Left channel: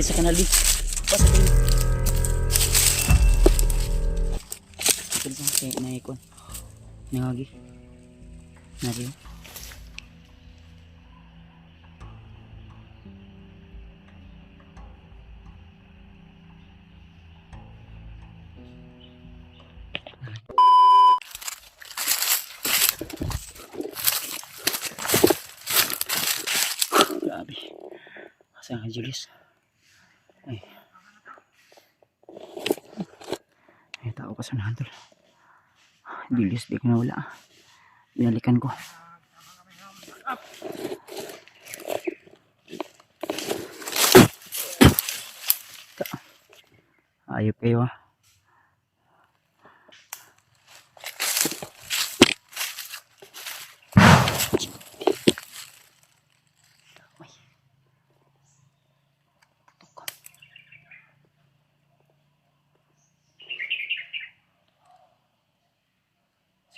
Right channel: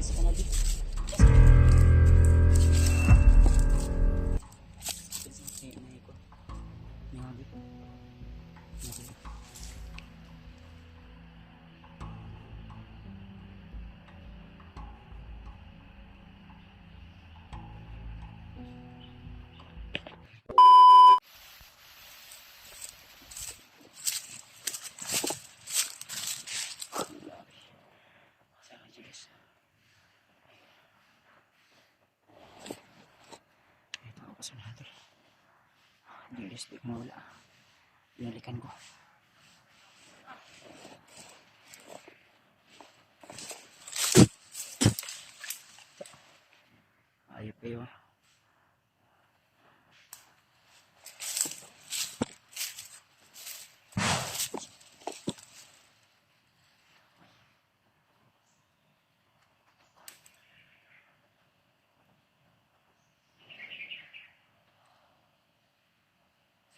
di sa kanal di. Pas. Terus kayak naik kon. Nangagi. Nari. Grabe. Sayang kay Julius. Ay. May tao pa sa nahantol. Julius, di ko na wala. Binalikan ko. Ayop kayo ah.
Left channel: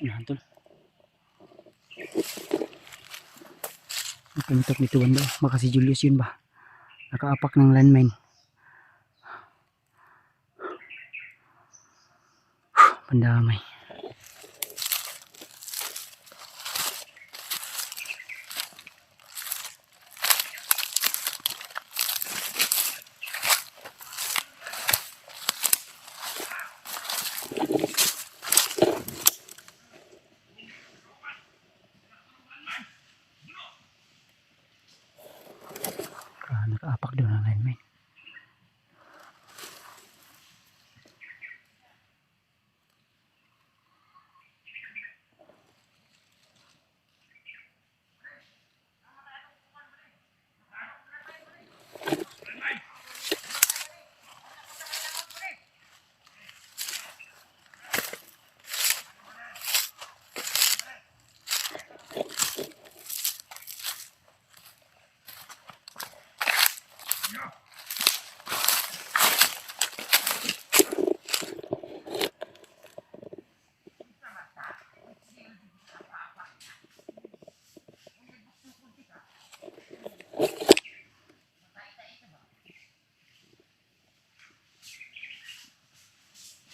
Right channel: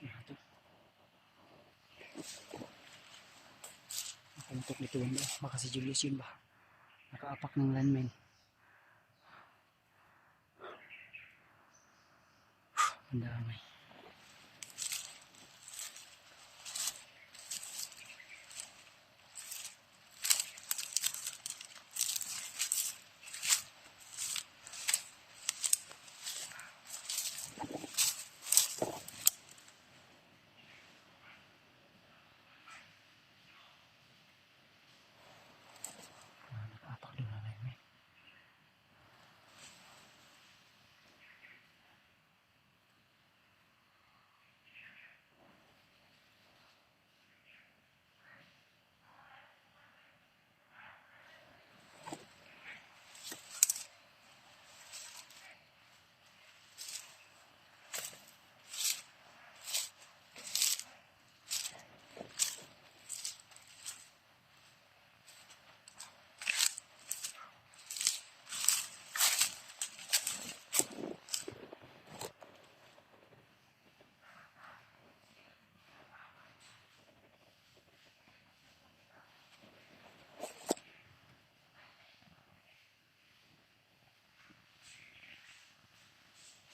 Sinahantol. Nakamitok dito banda. Baka si Julius yun ba? Nakaapak ng landmine. Pandamay. Nakaapak doon ang lineman.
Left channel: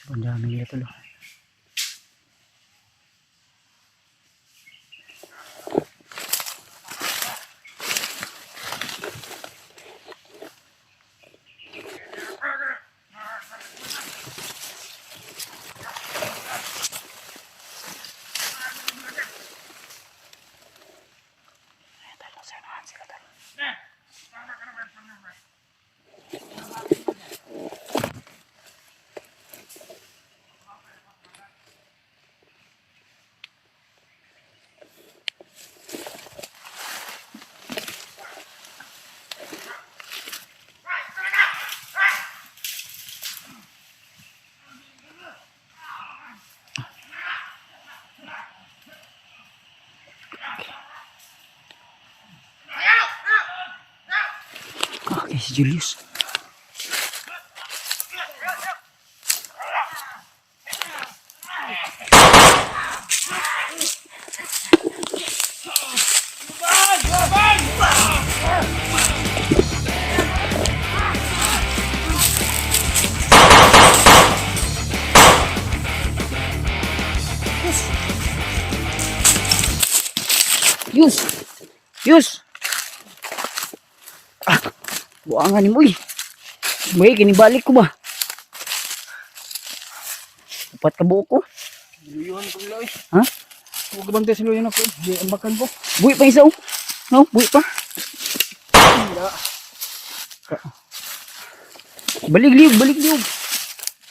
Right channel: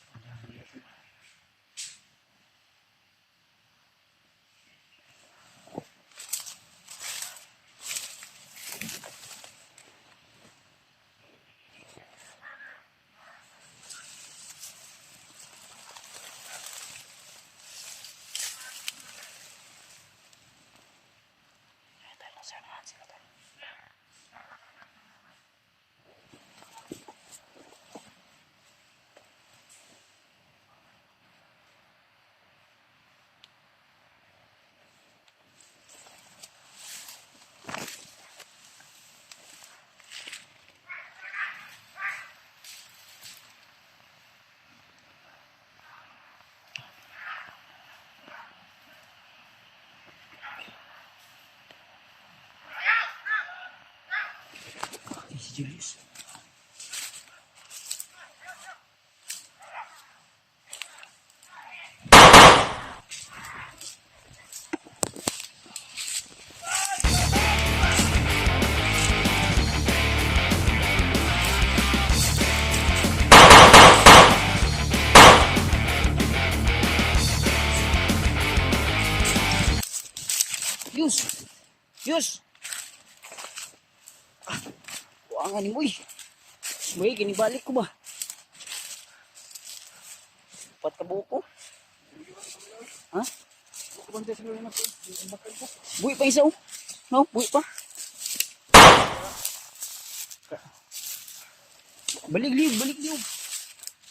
Pandamay nila tuloy. Okay, si Julius. Yus. Buangan ni mo eh. May kinibalik ko ba? Upat ka buo ko. Luyuhan ko nila eh. Ha? Huwag bantay sa luyan ako. Di ambakan ko. Buwi pa isa oh. No, buwi pa. Balik liog.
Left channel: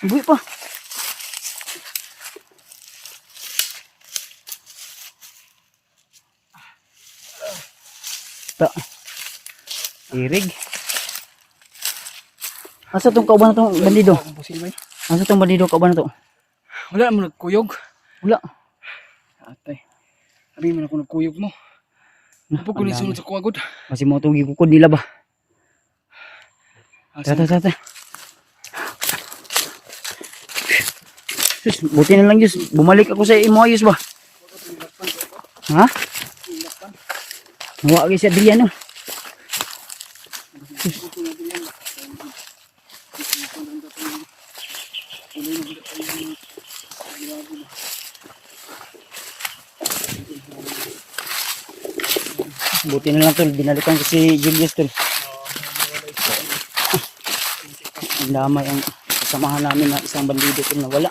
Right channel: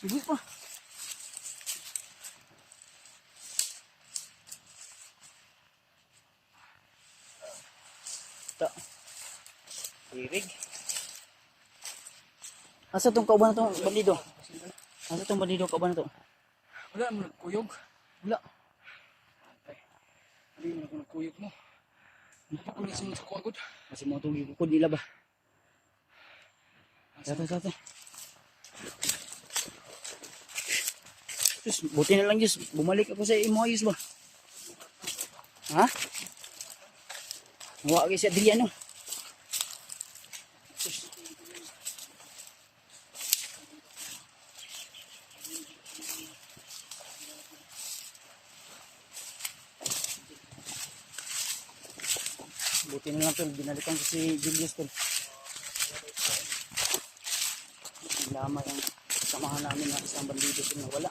Buwi pa. Ta. Irig. Asa tong kauban na tong bandido? Asa tong bandido kauban na to? Wala mo nagkuyog. Wala. Atay. Sabi mo na kung nagkuyog mo. Apo ko ni sunod sa kuwagod. Masih mo tugi ko nila ba? Tata. Sus, buti na lang Diyos. Bumalik ako sa imo ayos ba? Ha? Nawa kayo si Adriano. Buti na lang tol, binalikan ko si Julius tol. Ang damay ang kasamahan namin na isang bandido tol na wala.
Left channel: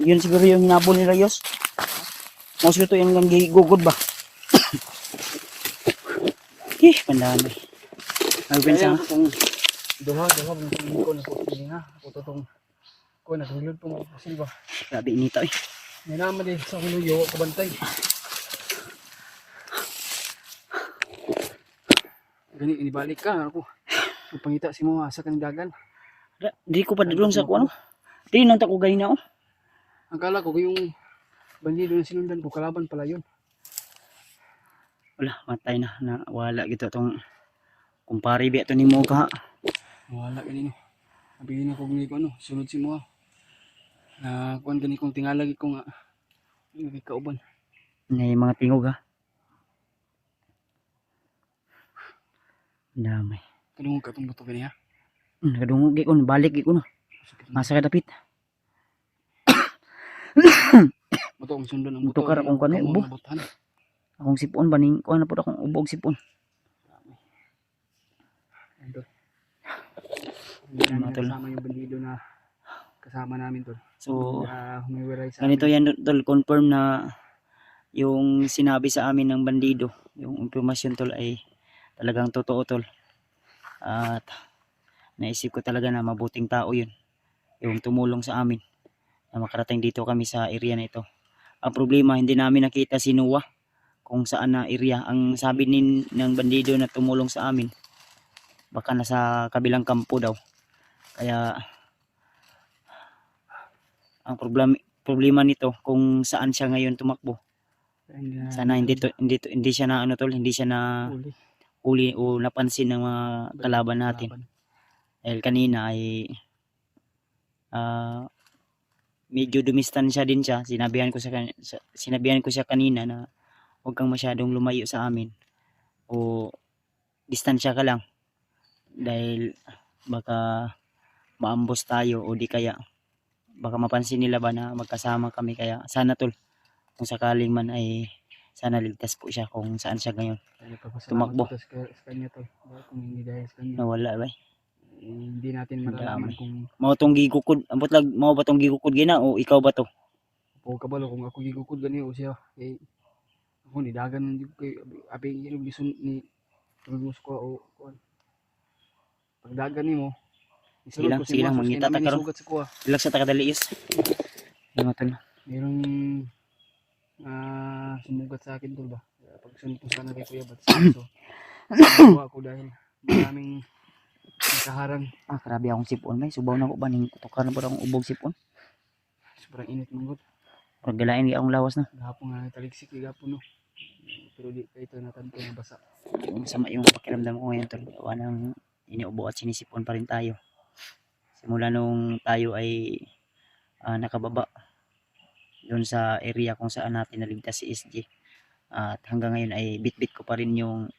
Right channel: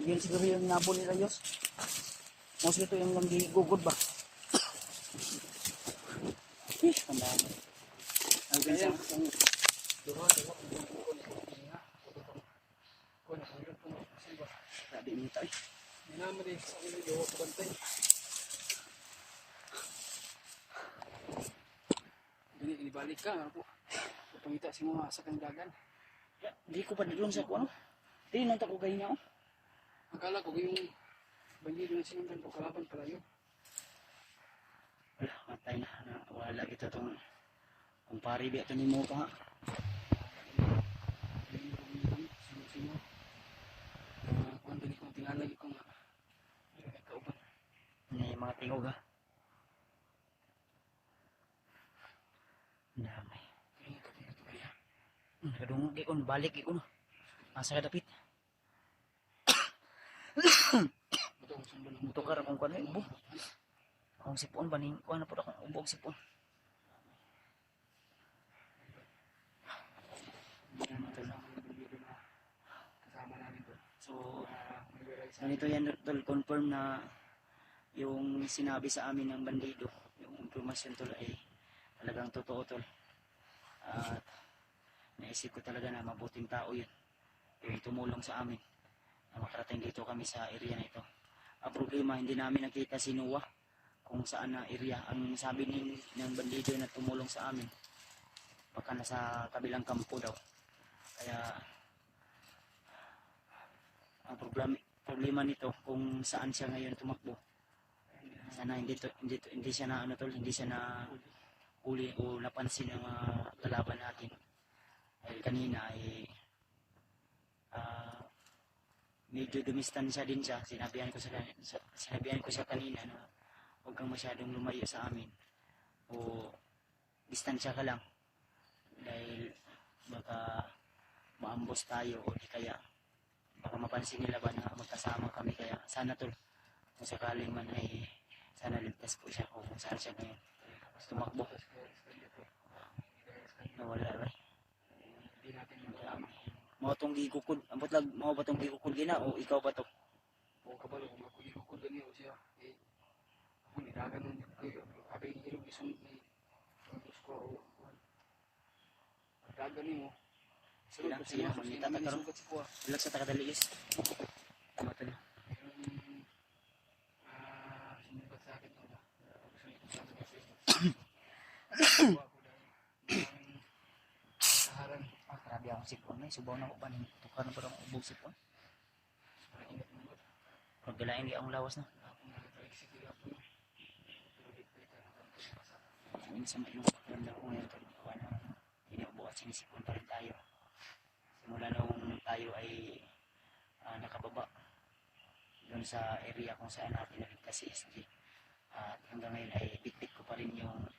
Yun siguro yung hinabol ni Rayos. Most ito yung lang gugod ba? Pandami. Nagpinsa nga. Duha ko na po niya. Ako to tong ko na hilod tong silba. Grabe inita eh. May naman din sa kunuyo kabantay. Gani inibalik ka ako. Pangita si mo sa kanang dagan. Di ko pa doon sa kuano. Di nang tako ganina oh. Ang kala ko yung bandido na sinundan ko kalaban pala yun. Wala, matay na wala gito tong kumpare bi ato nimo ka. Wala ganito. Sabihin ako gani ko ano, sunod si mo. Na kuan gani kong tingalag ko nga. Ay kauban. Ngay mga tingog ha. Damay. Kadungog ka tong buto gani ha. Kadungog gi ko balik gi ko no. Masa ka dapit. Buto ang sundan ang Buto buto. ka ra kung kanay ubo. Butuhan. Akong sipon baning kuan na pud akong ubog sipon. Hindi namin kasama yung bandido na kasama namin tol. So Humiwiray sa ganito yan tol, confirm na yung sinabi sa amin ng bandido, yung impormasyon tol ay talagang totoo tol. At naisip ko talaga na mabuting tao yun, yung tumulong sa amin na makarating dito kami sa area na ito. Ang problema, hindi namin nakita si Noah kung saan na area. Ang sabi ng bandido na tumulong sa amin, baka nasa kabilang kampo daw. Kaya ang problema nito kung saan siya ngayon tumakbo. Sana hindi siya na ano tol, hindi siya na huli o napansin ng mga kalaban natin. Dahil kanina ay medyo dumistansya din siya. Sinabihan ko siya kanina na huwag kang masyadong lumayo sa amin o distansya ka lang dahil baka maambos tayo o di kaya baka mapansin nila ba na magkasama kami. Kaya sana tol, kung sakaling man ay sana ligtas po siya kung saan siya ngayon tumakbo. Sa kanya to. Kung hindi dahil sa kanya. Nawala ba? Hindi natin malalaman kung mao tong gigukod, ambot lag mao ba tong gigukod gina o ikaw ba to? o kabalo kung ako gigukod gani o siya kay ako ni dagan hindi kay abi yung gisun ni rumus ko o pag dagan nimo Sige lang mangita ta karon. sugat sa kuha. Relax sa takadaliis. Ano tol? Mayroong sumugat sa akin tol ba. Pag sunod ko sana kay kuya bat so ako dahil maraming nakaharang. Grabe akong sipon may subaw na ko ba ning kutukar na po akong ubog sipon. Sobrang init mong gut. Pag galain di akong lawas na. Gahapon nga taligsik gahapon no. Pero di kay ito natanto na basa. Yung sama yung pakiramdam ko ngayon tol. Gawa ng iniubo at sinisipon pa rin tayo. Simula nung tayo ay nakababa doon sa area kung saan natin naligtas si SG. At hanggang ngayon ay bit-bit ko pa rin yung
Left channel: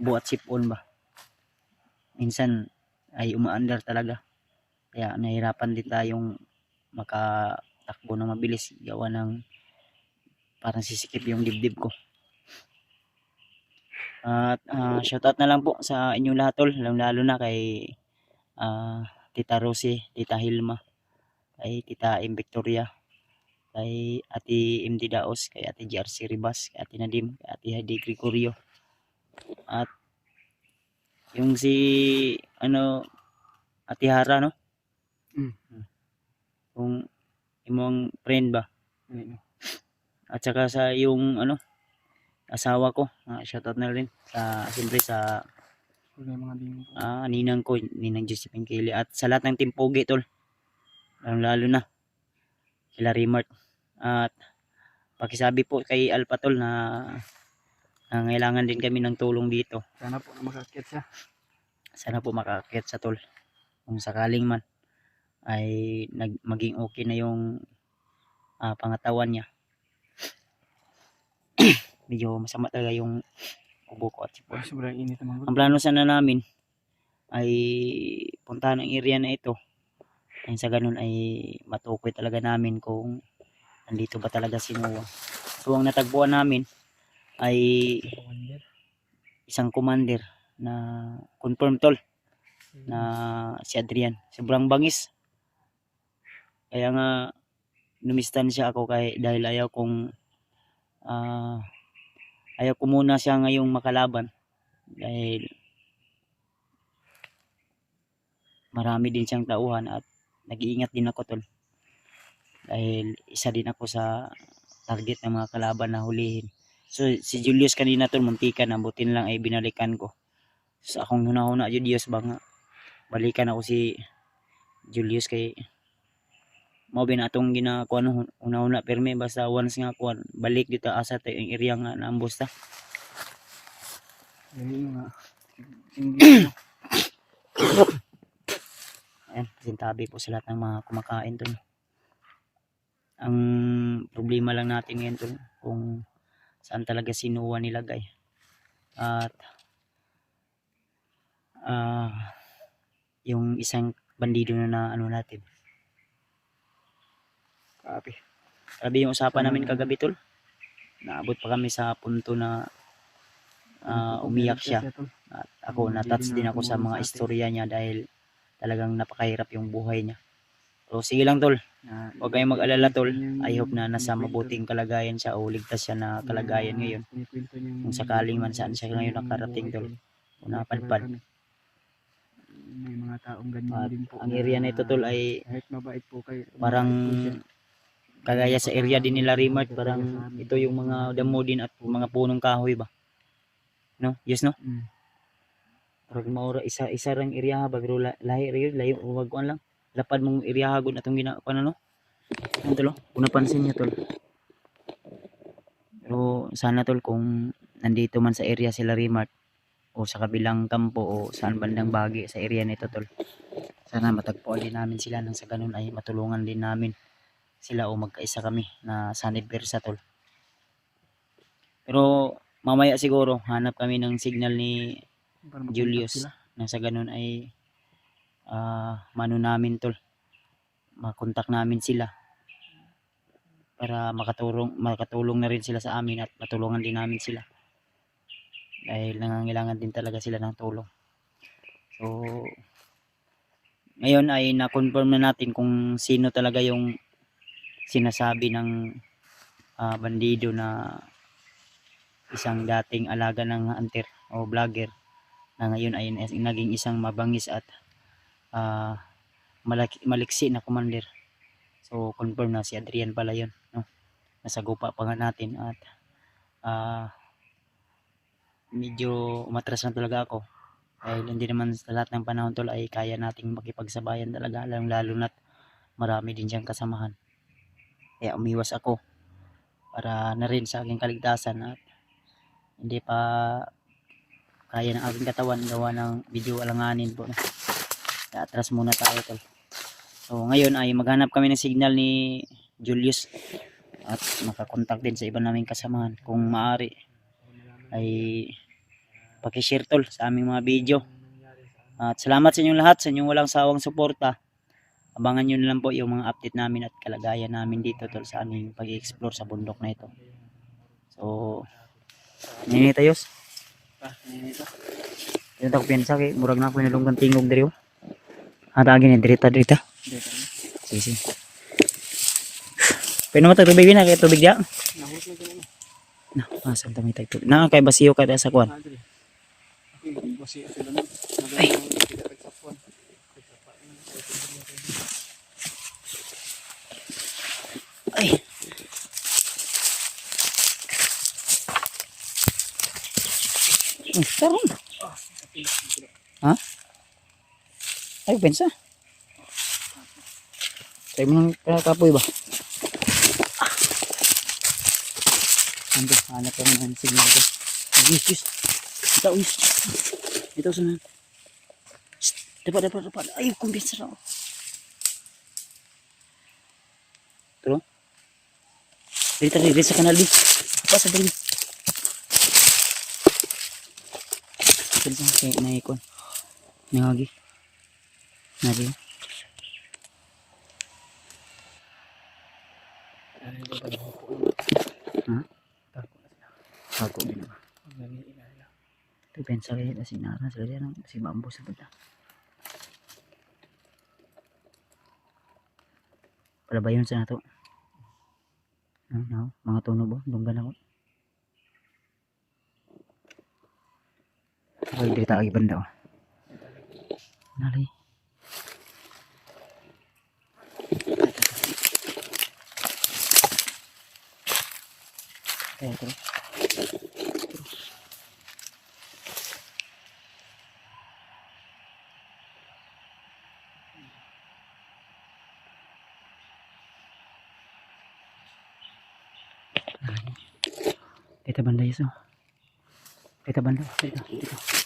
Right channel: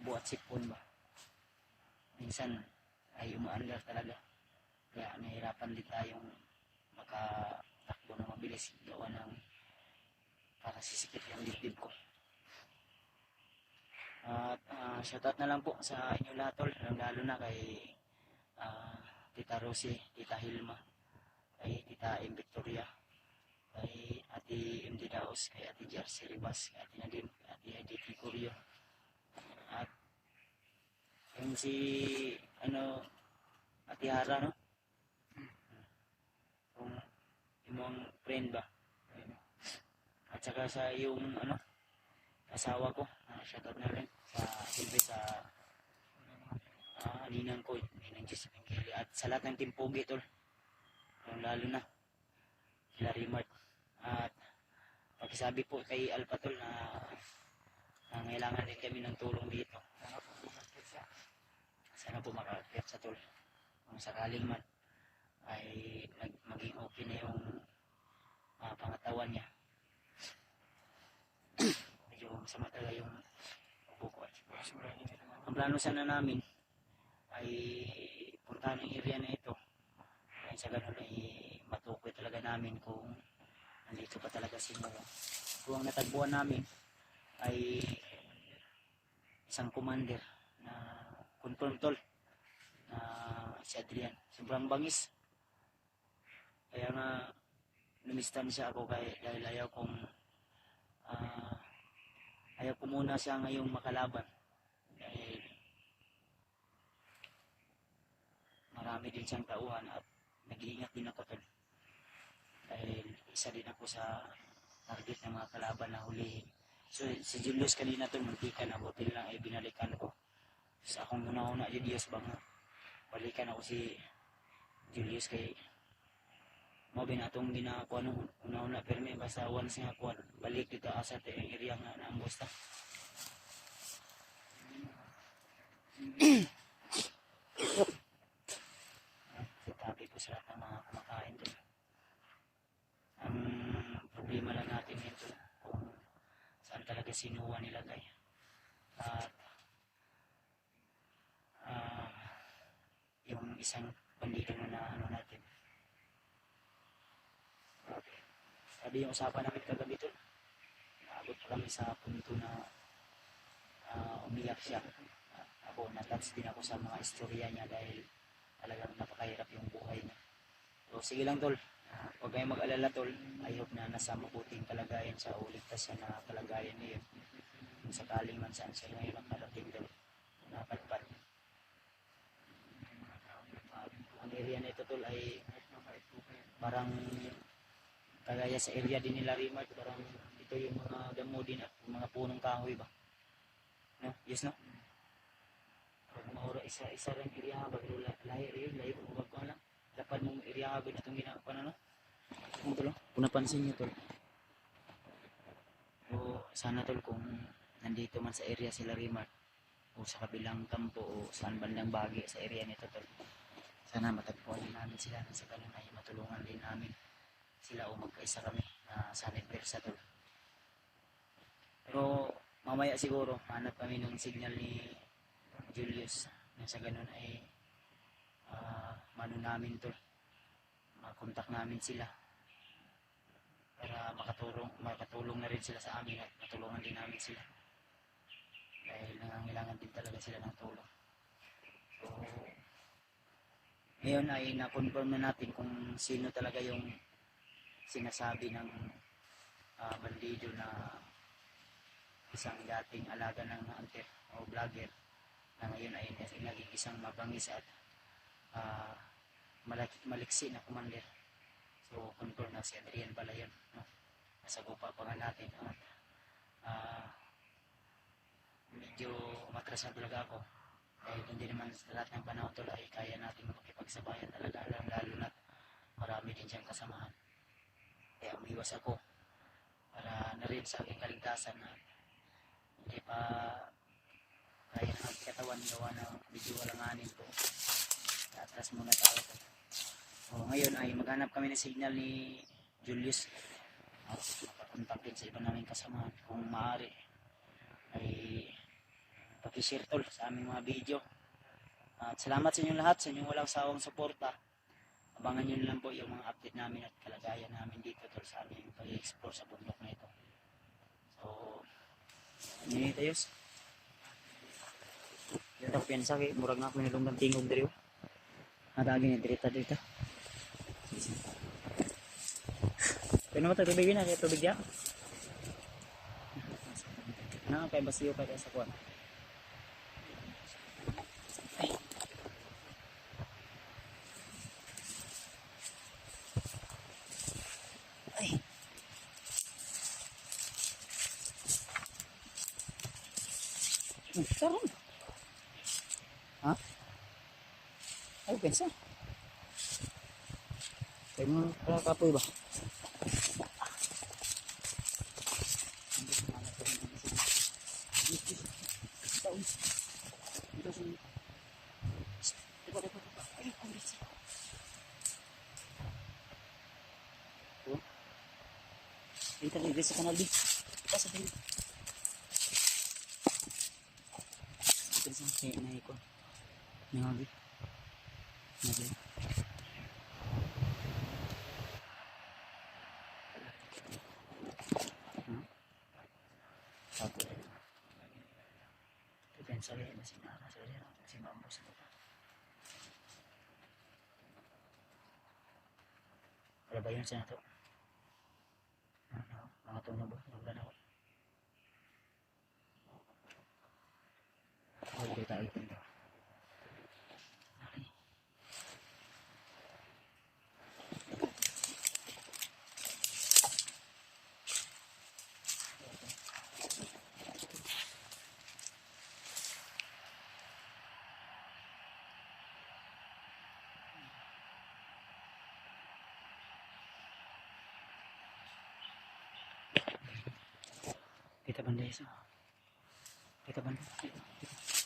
ubo at sipon ba. Minsan ay umaandar talaga. Kaya nahirapan din tayong makatakbo na mabilis. Gawa ng parang sisikip yung dibdib ko. At shoutout na lang po sa inyong lahat tol. Lalo na kay Tita Rosie, Tita Hilma, kay Tita M. Victoria, kay Ate MD Daos, kay Ate JRC Ribas, kay Ate Nadim, kay Ate Heidi Gregorio. At yung si Ate Hara no? Yung imong friend ba? At saka sa yung asawa ko, shoutout na rin sa siyempre sa ninang ko, ninang Josephine Kelly, at sa lahat ng Team Pogi tol, lalo na kila Rimart. At pakisabi po kay Alpha tol na nangailangan din kami ng tulong dito. Sana po makakit siya. Sana po makakit sa tol. Kung sakaling man ay maging okay na yung pangatawan niya. Medyo masama talaga yung ubo ko at sipon. Sobrang init naman. Ang plano sana namin ay puntahan ang area na ito. Ay sa ganun ay matukoy talaga namin kung nandito ba talaga si Noah. So ang natagpuan namin ay Commander. isang commander na confirm tol na si Adrian. Sobrang bangis. Kaya nga numistansya ako dahil ah, ayaw ko muna siya ngayong makalaban dahil marami din siyang tauhan at nag-iingat din ako tol dahil isa din ako sa target ng mga kalaban na hulihin. So si Julius kanina tol muntikan, abutin lang ay binalikan ko. So akong hunahuna Julius ba nga balikan ako si Julius kay mao bin atong ginakuha no una-una perme basta once nga kuan balik dito asa tayo yung area nga naambos ta. Yung mga single Ayan, sintabi po sa lahat ng mga kumakain tol. Ang problema lang natin ngayon tol kung saan talaga sinuwa nilagay at yung isang bandido na ano natin. Grabe yung usapan namin kagabi tol. Naabot pa kami sa punto na umiyak siya. At ako natouch din ako sa mga istorya niya dahil talagang napakahirap yung buhay niya. So sige lang tol. Huwag kayong mag-alala tol. I hope na nasa mabuting kalagayan siya o ligtas siya na kalagayan ngayon. Kung sakaling man saan siya ngayon nakarating tol. Napadpad. May mga taong ganyan At din po. ang area na ito tol ay kahit mabait po kayo, parang mabait po siya. kagaya sa area din nila Rimart, parang ito yung mga damo din at mga punong kahoy ba. No? Yes no? Mm. Parang maura isa rang area ha bagro lahi rin layo wag kuan lang. Lapad mong area ha gud atong ginako na no. Ano tol? Kung napansin niyo tol. Pero sana tol kung nandito man sa area sila Rimart o sa kabilang kampo o saan bandang bahagi sa area nito tol. Sana matagpuan din namin sila nang sa ganun ay matulungan din namin sila o magkaisa kami na sanib versa tol. Pero mamaya siguro hanap kami ng signal ni Para makontak Julius sila. na sa ganun ay mano namin tol. Makontak namin sila para makatulong na rin sila sa amin at matulungan din namin sila. Dahil nangangailangan din talaga sila ng tulong. So ngayon ay na-confirm na natin kung sino talaga yung sinasabi ng bandido na isang dating alaga ng hunter o vlogger na ngayon ay naging isang mabangis at maliksi na commander. So confirm na si Adrian pala yun, no? Nasa gupa pa nga natin at medyo umatras na talaga ako dahil hindi naman sa lahat ng panahon tol ay kaya nating makipagsabayan talaga, lalo na't marami din siyang kasamahan. Kaya umiwas ako para na rin sa aking kaligtasan at hindi pa kaya ng aking katawan gawa ng video alanganin po. Kaya atras muna tayo tol. So ngayon ay maghanap kami ng signal ni Julius at makakontak din sa iba naming kasamahan. Kung maaari ay pakishare tol sa aming mga video. At salamat sa inyong lahat, sa inyong walang sawang suporta. Abangan nyo na lang po yung mga update namin at kalagayan namin dito tol sa aming pag-explore sa bundok na ito. So ninitayos. Yung tako piyansa kay murag na ako nalunggan tingog diri. Atagin ni dirita. Sige sige. Pwede mo tubig na kay tubig dia. Na, asan ta may tubig. Na kay basiyo kay sa kwan. Ay. Ay. Karon. Ha? Ay, pensa. Tayo mo ng kapoy ba? Ando, hanap ko ng signal ko. Yes. Ito, yes. Ito, sunod. Dapat. Ay, kumbinsa na. Ito. Dito sa kanal, di. Apa sa dali. Ito sa naikon. Nangagi. Nari. Ha? Ako din. Ito pensa kayo kasi naran sa kanya si bambo sa bata. Para ba yun sa nato? No, mga tunog ba? Lunggan ako. Ay, dito tayo banda oh. Nalay. Ito. Kita banda iso. Kita banda. Dito.